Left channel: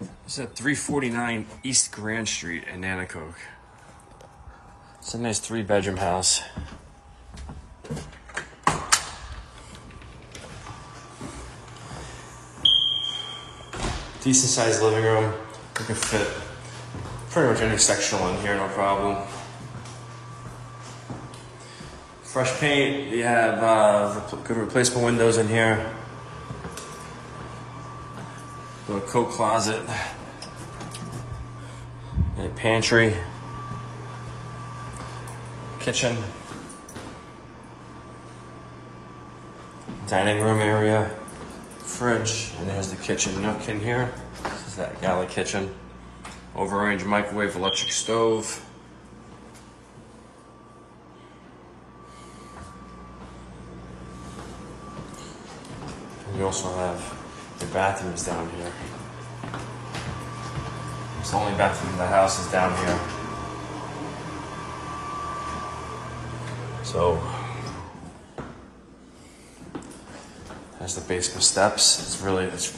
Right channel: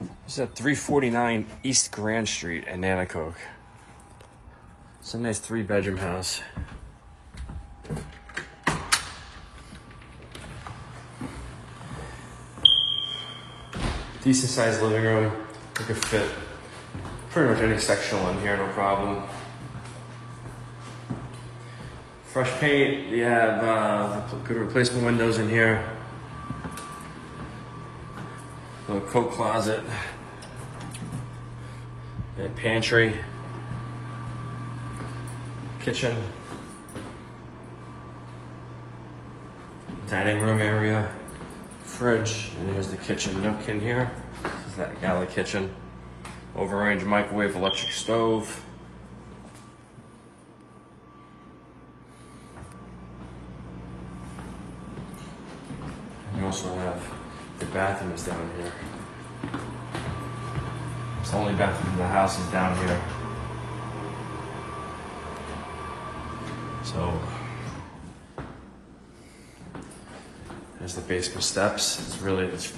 It's at 349 East Grand Street in Nanticoke. It's a nice 3-bedroom house. Decent sized living room. You can fit pretty much any sectional in here, no problem. Fresh paint. You have good replacement windows in here. Little coat closet. And a pantry. Kitchen. Dining room area. Fridge. And there's the kitchen nook in here. This is that galley kitchen. Overrange microwave, electric stove. And we also have the bathroom is down here. It's the only bathroom in the house is down here. So there's the basement steps. It's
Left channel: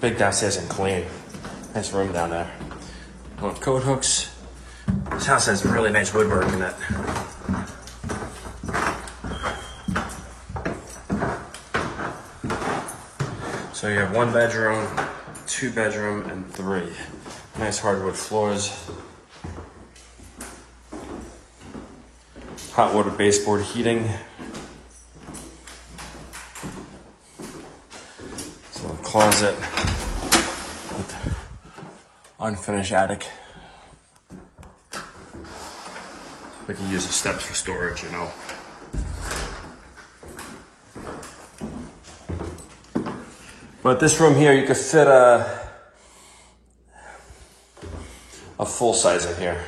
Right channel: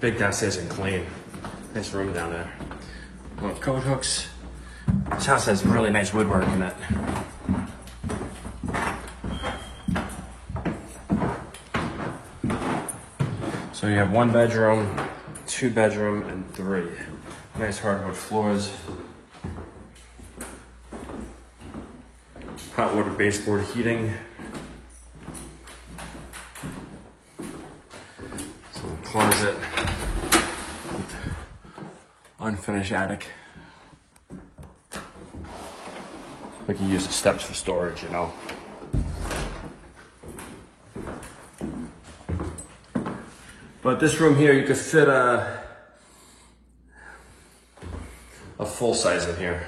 big downstairs and clean. Nice room down there. One of coat hooks. This house has really nice woodwork in it. So you have 1 bedroom, 2 bedroom, and 3. Nice hardwood floors. Hot water baseboard heating. So a closet. Unfinished attic. We can use the steps for storage, you know. But this room here, you could fit a full size in here.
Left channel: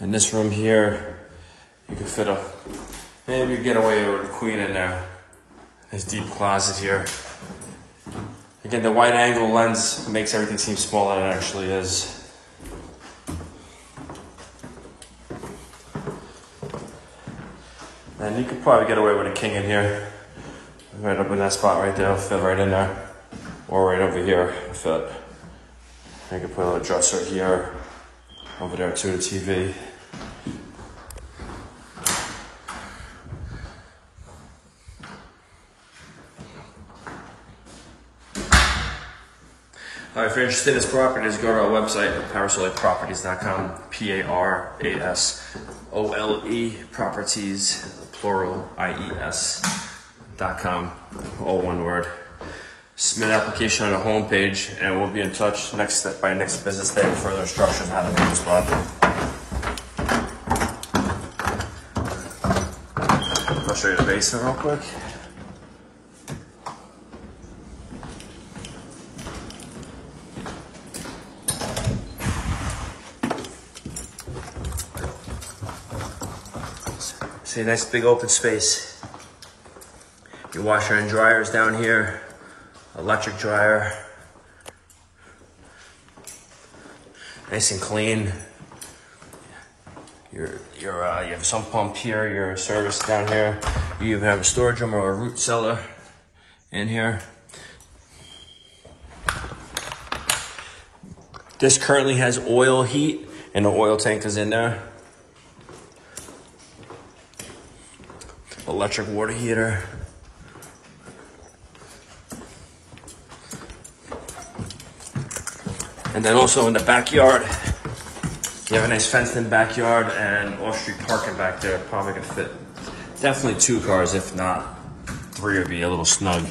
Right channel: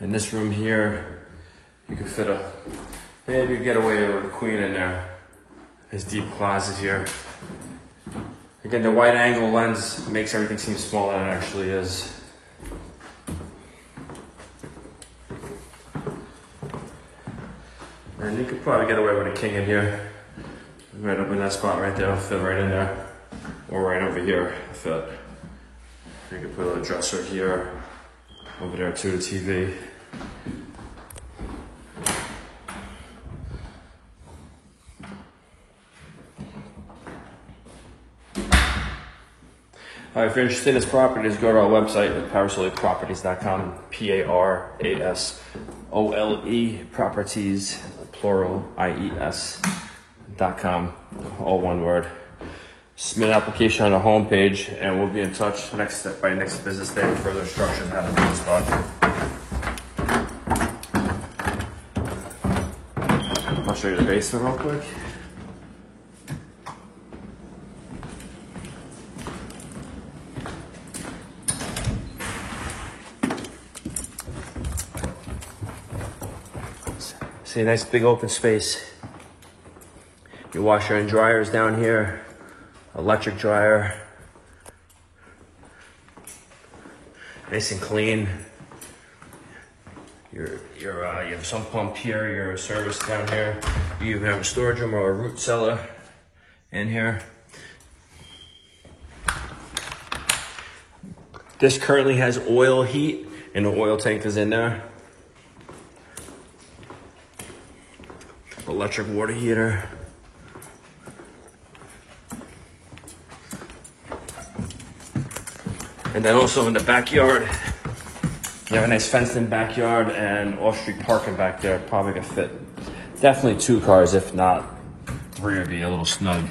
In this room here, you could fit maybe get away with a queen in there. There's deep closet here. Again, the wide angle lens makes everything seem smaller than it actually is. And you could probably get away with a king in here. Right up in that spot right there, it'll fit right in there. Or right over here, it'll fit. You can put a little dresser here. Over there too, TV. If you're interested in this property, just go to our website at parasoleproperties.com, P-A-R-A-S-O-L-E, properties, plural, I-E-S.com, all one word. Submit an application on the home page, and we'll be in touch by next business day with further instructions on how to build this property. I'll show you the basement real quick. See a nice big open space. Your washer and dryer is down here. Electric dryer. Nice and clean. You have a sump pump here, your service down here. You have a storage room or a root cellar in here. This currently has oil heat and the oil tank is in there. Electric water heater. And then also in the backyard, you have a nice fenced in backyard and off-street parking back there, probably to fit definitely 2 cars, if not 3 would be a little snug.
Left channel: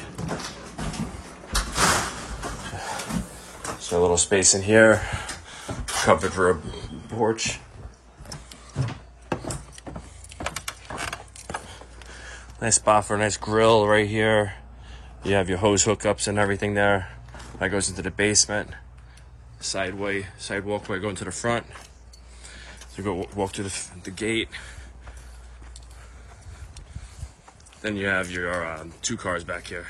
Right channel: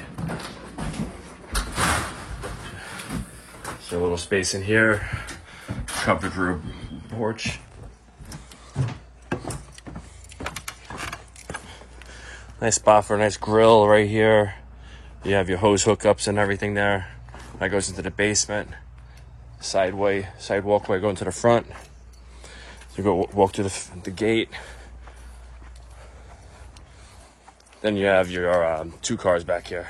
So a little space in here, covered for a porch. Nice spot for a nice grill right here. You have your hose hookups and everything there. That goes into the basement. Side walkway going to the front. So you go walk to the gate. Then you have your 2 cars back here.